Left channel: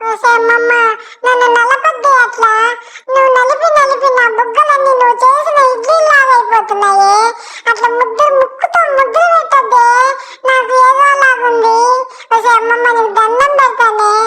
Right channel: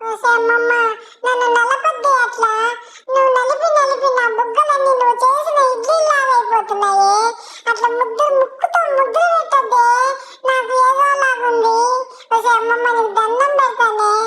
అమ్మమ్మ, నన్ను నలపద్దు అట్లా. నువ్వు నలిపి నలిపి నా బుగ్గలన్నీ నువ్వు చేసిన ఇడ్లీలాగా అయిపోతున్నాయి. అట్లా ముక్కుతో ముద్ర పెట్టద్దే, నాకు ఏదో లాగుంది. అమ్మమ్మ నీకు దండం పెడతానే.